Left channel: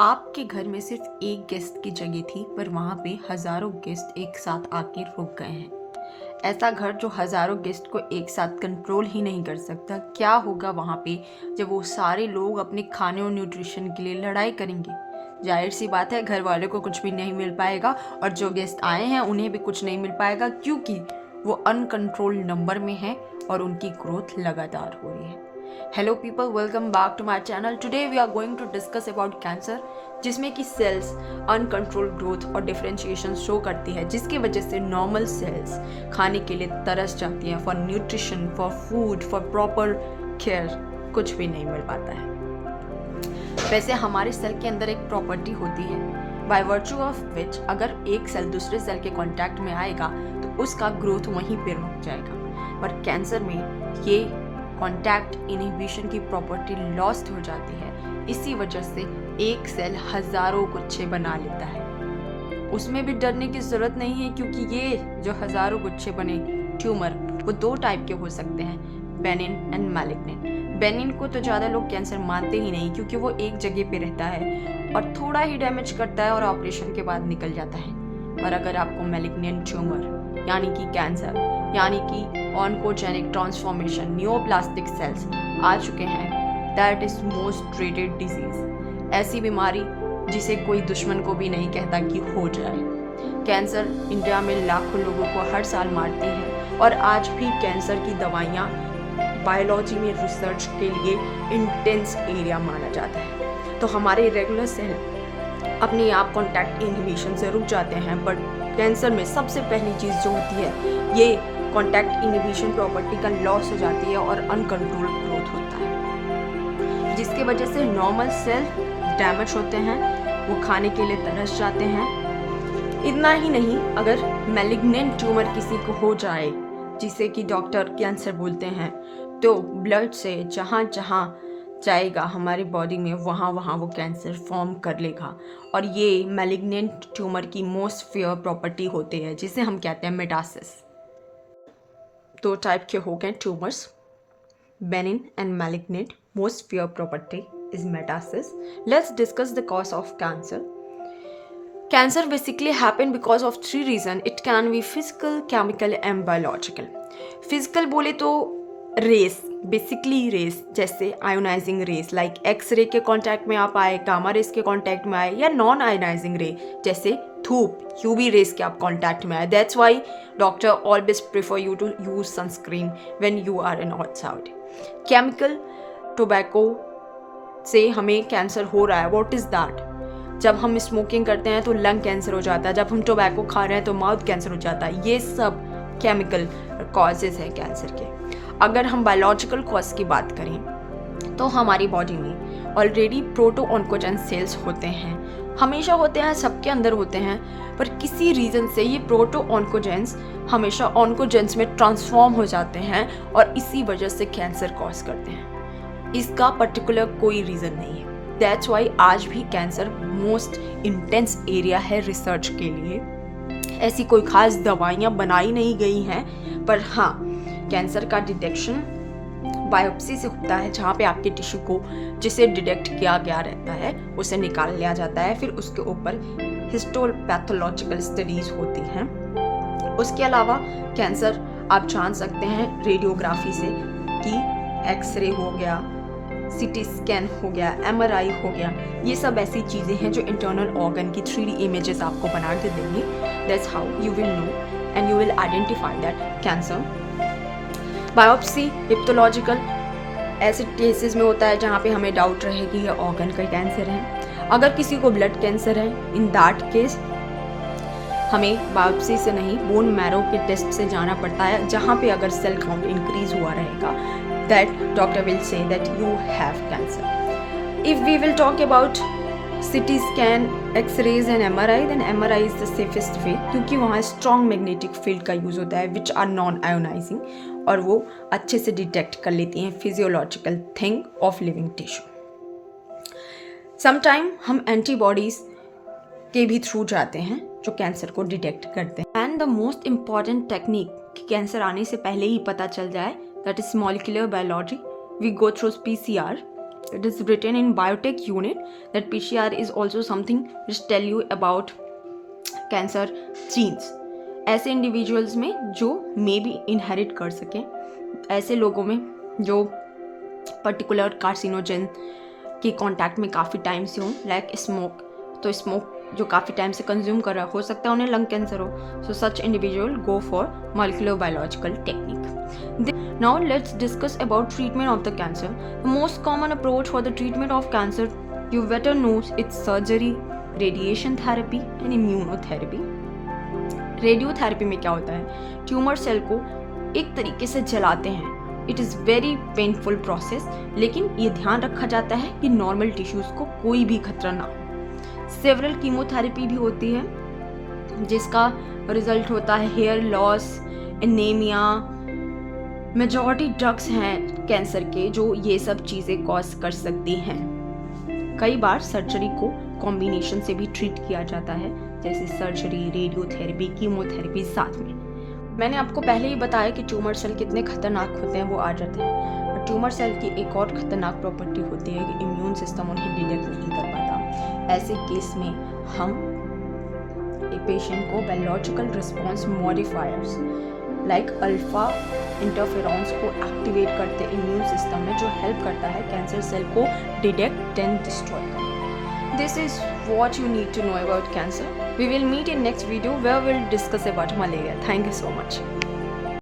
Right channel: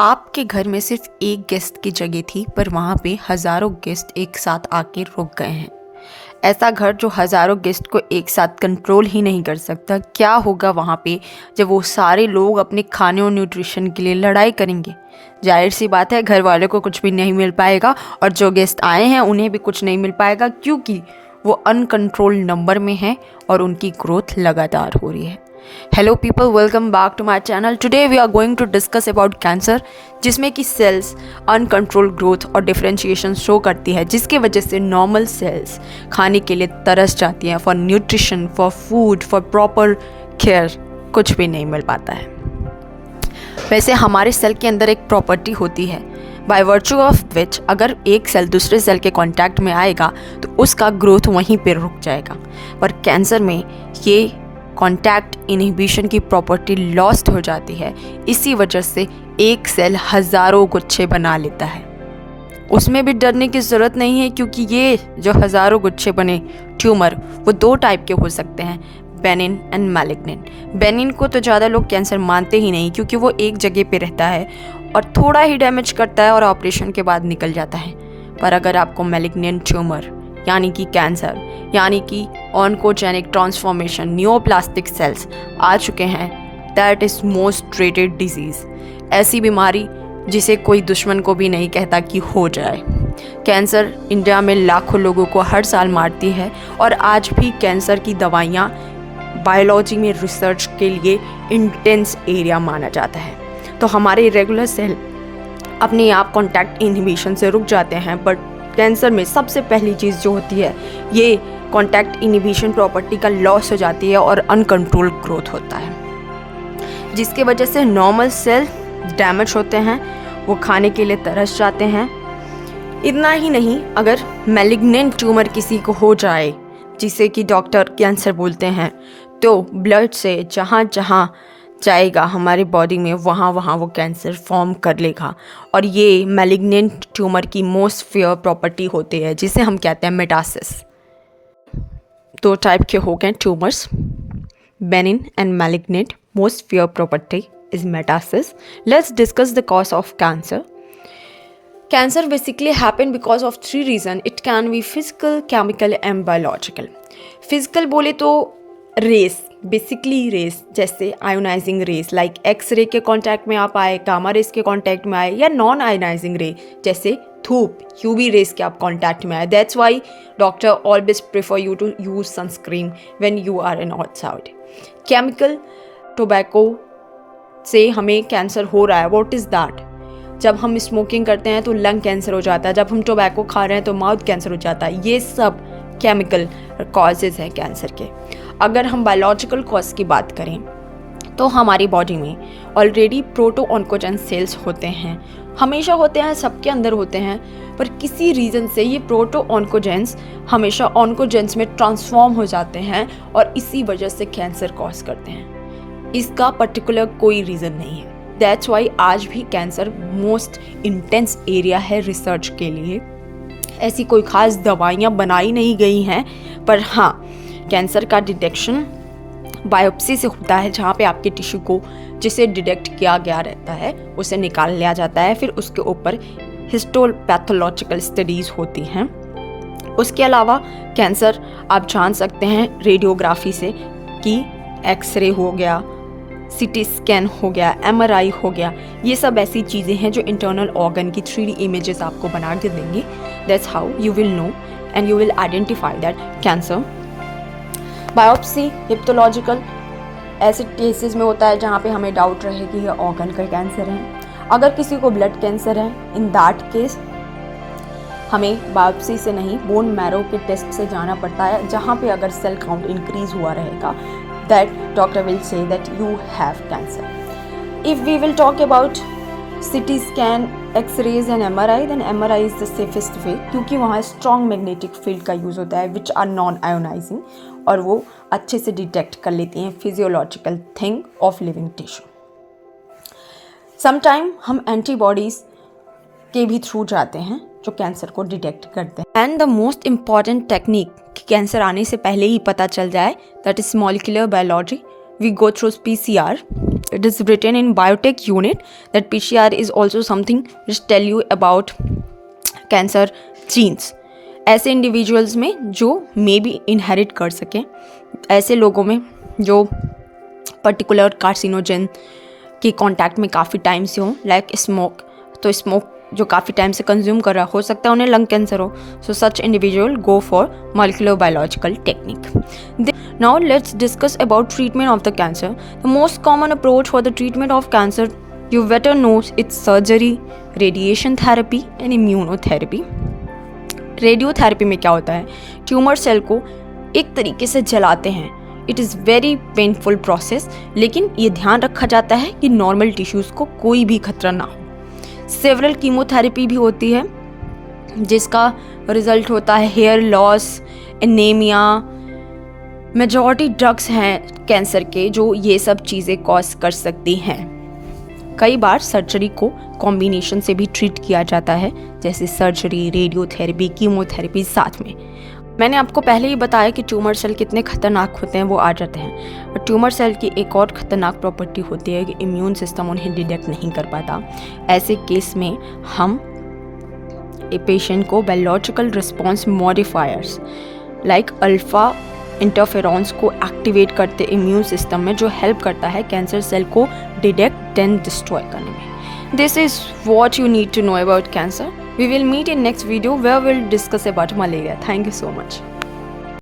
आपके घर में सिर्फ एक गेस्ट की जगह थी, पर वहाँ पे हज़ारों गेस्ट एक साथ आके रुक गए हैं। ऐसा घर जो हज़ारों गेस्ट को एक साथ कंट्रोल ही नहीं कर सकता, क्या होगा वहाँ पे जब वो सारे लोग अपने खाने और न्यूट्रिशन के लिए लड़ाई करेंगे। जाहिर सी बात है, घर वालों को कुछ भी नहीं मिल पाएगा और जो गेस्ट आए हैं उन्हें भी कुछ नहीं मिल पाएगा, क्योंकि वो अनकंट्रोल नंबर में हैं और उनकी ग्रोथ लगातार हो रही है। Hello people, welcome back to my channel. Today we are going to discuss about cancer, जिसमें कि सेल्स अनकंट्रोल ग्रोथ और डिफरेंशिएशन शो करती है, जिसकी वजह से नॉर्मल सेल्स खाने के लिए तरस जाती हैं। For nutrition, for food, for proper care कुछ भी नहीं मिल पाता है। वैसे हमारे सेल के अंदर एक प्रॉपर्टी होती है, बाय वर्चू ऑफ विच अगर एक सेल दूसरे सेल के कांटेक्ट में आएगा तो उसका ग्रोथ वहीं पर रुक जाएगा। पर कैंसर में ये कॉन्टैक्ट इनहिबिशन की प्रॉपर्टी लॉस्ट हो जाती है। इसी वजह से एक सेल हज़ारों गुच्छे बना लेता है। उसमें भी डरने की ज़रूरत नहीं है, क्योंकि ये जो हज़ारों गुच्छे बने ट्यूमर वो दो टाइप के हो सकते हैं, बेनिन एंड मैलिग्नेंट। बेनिन को तो ज़्यादा लोग कैंसर मानते ही नहीं, क्योंकि वो एक जगह पे रहता है और थोड़ा ही डैमेज करता है और ऑपरेशन के बाद निकल जाता है। पर अगर आपको मैलिग्नेंट ट्यूमर यानी कि कैंसर यानी कि ऑन्कोजेनिक ट्रांसफॉर्मेशन नियोप्लास्टिक सेल्स आ चुके हैं, that is most treated disease. ऐसी बीमारी जिसे कोई दुश्मन को भी नहीं कहता कि हो जाए। कैंसर इंडिया में लाखों लोगों को हर साल मारती है और आज भी कैंसर की दवाइयाँ बायोलॉजी में रिसर्च के लिए इंटेंस एरिया माना जाता है। तो हमारे रेगुलर सेल अपने आप कॉन्टैक्ट इनहिबिशन से रुक जाते हैं, बट कैंसर में सबसे पहली चीज़ जो होती है, ये कॉन्टैक्ट इनहिबिशन प्रॉपर्टी का लॉस हो जाती है और अनकंट्रोल ग्रोथ होता है, जिसकी वजह से नॉर्मल सेल डैमेज होते हैं, वो खाने के लिए तरस जाते हैं। इतना ही नहीं, अगर मैलिग्नेंट ट्यूमर किसी को हो जाए, जिसे कि डॉक्टर कैंसर बोलते हैं, तो ब्लड से जहाँ जहाँ जाएगा हमारे बॉडी में, वहाँ वहाँ वो कैंसर फॉर्म कर लेगा। और ये मैलिग्नेंट ट्यूमर की मोस्ट फेयर प्रॉपर्टी होती है, जिसे हम कहते हैं मेटासिस। दो टाइप के हो गए tumours, benign and malignant. Most fair property is metastasis. Let's discuss the cause of cancer. Cancer basically happen because of three reasons. It can be physical, chemical and biological. Physical बोले तो race, basically race, जैसे ionizing race like x ray के contact में आप आए, gamma rays के contact में आए, या नॉन आयोनाइजिंग रे जैसे धूप, यूवी रेस के आप कांटेक्ट में आए। That's why doctor always prefer you to use sunscreen when you are in outside. Chemical, tobacco से हमें कैंसर हो रहा है, व्हाट इज़ दैट? जब हम स्मोकिंग करते हैं तो लंग कैंसर हो जाता है, जब हम टोबैको खा रहे हैं तो माउथ कैंसर हो जाता है। ये सब केमिकल कॉजेज़ हैं कैंसर के। अगर हम बायोलॉजिकल कॉज की बात करें तो हमारी बॉडी में ऑलरेडी प्रोटो ऑन्कोजेन सेल्स होते हैं, हमेशा होते हैं, सबके अंदर होते हैं, पर किसी रीज़न से ये प्रोटो ऑन्कोजेंस हमेशा ऑन्कोजेंस में ट्रांसफॉर्म हो जाते हैं और इसी वजह से कैंसर कॉज करते हैं। इसका पर्टिकुलर कोई रीज़न नहीं है। दैट्स वाई आज भी कैंसर मोस्ट इंटेंस एरिया है रिसर्च के लिए। ऐसी कोई ख़ास दवाइयाँ बनाई नहीं गई हैं, पर हाँ, कैंसर का डिटेक्शन बायोप्सी से होता है, जहाँ पे आपके टिश्यू को जिसे डिटेक्ट किया गया रहता है उसे निकाल लिया जाता है, फिर उसके ऊपर हिस्टोपैथोलॉजिकल स्टडीज़ होती हैं। उसके अलावा कैंसर आप जान सकते हैं रेडियोग्राफी से, कि एक्सरे हो गया, सीटी स्कैन हो गया, MRI हो गया। ये सब ऐसी चीज़ें हैं जो इंटरनल ऑर्गन की 3D इमेजेस आपको बना के देंगे। That's how you will know and you will identify that cancer. Biopsy, histological ऐसे केसेस में होता है जहाँ पे हमें डाउट रहे कि ये ऑर्गन का कैंसर है। अगर किसी को ब्लड कैंसर है, इन दैट केस हमें बायोप्सी से नहीं, बोन मैरो के टेस्ट से जाना पड़ता है, जहाँ पे अगर सेल काउंट इंक्रीज हुआ रहेगा, that doctor will say that you have cancer. If we will talk about CT scan, X-rays and MRI, then MRI is the safest way, क्योंकि वहाँ strong magnetic field का यूज़ होता है which are non-ionizing, और वो अच्छे से detect कर लेती हैं physiological thing of living tissue. Sometime हम एंटीबॉडीज़ के भी थ्रू जाते हैं जो कैंसर को डिटेक्ट करते हैं। And the most important technique कि कैंसर आने से पहले ही पता चल जाए, that is molecular biology, we go through PCR. It is written in biotech unit that PCR is also something which tell you about cancer genes. ऐसे individuals में जो मे बी इनहेरिट कर सकें, ऐसे लोगों में जो पर्टिकुलर कार्सिनोजन के कांटेक्ट में काफ़ी टाइम से हों, लाइक स्मोक, तो स्मोक जो काफ़ी टाइम से कंज्यूम कर रहा हो सकता है उन्हें लंग कैंसर हो. So such individual go for molecular biological technique. Now let's discuss about treatment of the cancer. The most common approach for the treatment of cancer, you better know, it's surgery, radiation therapy and immunotherapy. Radiotherapy में क्या होता है, tumour cell को एक तरीके से जलाते हैं. It is very painful process, लेकिन ये ध्यान रखा जाता है कि नॉर्मल टिश्यूज़ को कोई भी खतरा ना हो. सेवरल कीमोथेरेपी भी होती है जिसका रिजल्ट होता है hair loss, anaemia. Majority drugs हैं कैंसर के जो ये सब चीज़ें कॉज कर सकती हैं. कई बार सर्जरी को कॉम्बिनेशन से भी ट्रीट किया जाता है, जैसे सर्जरी, रेडियोथेरेपी, कीमोथेरेपी साथ में. मैंने आपको पहले ही बताया कि ट्यूमर सेल कितने खतरनाक होते हैं, वो आ जाते हैं. और ट्यूमर सेल की एक और खतरनाक प्रॉपर्टी होती है कि इम्यून सिस्टम उन्हें डिटेक्ट नहीं कर पाता. ऐसे केस में हम एक पेशेंट को biological response modifiers like alpha interferons को एक्टिवेट करते इम्यून सिस्टम में, जो हेल्प करता है कैंसर सेल को डिटेक्ट एंड डिस्ट्रॉय करने में. This is what you need to know about cancer. We will meet in next video where we'll discuss about malaria. Thank you so much.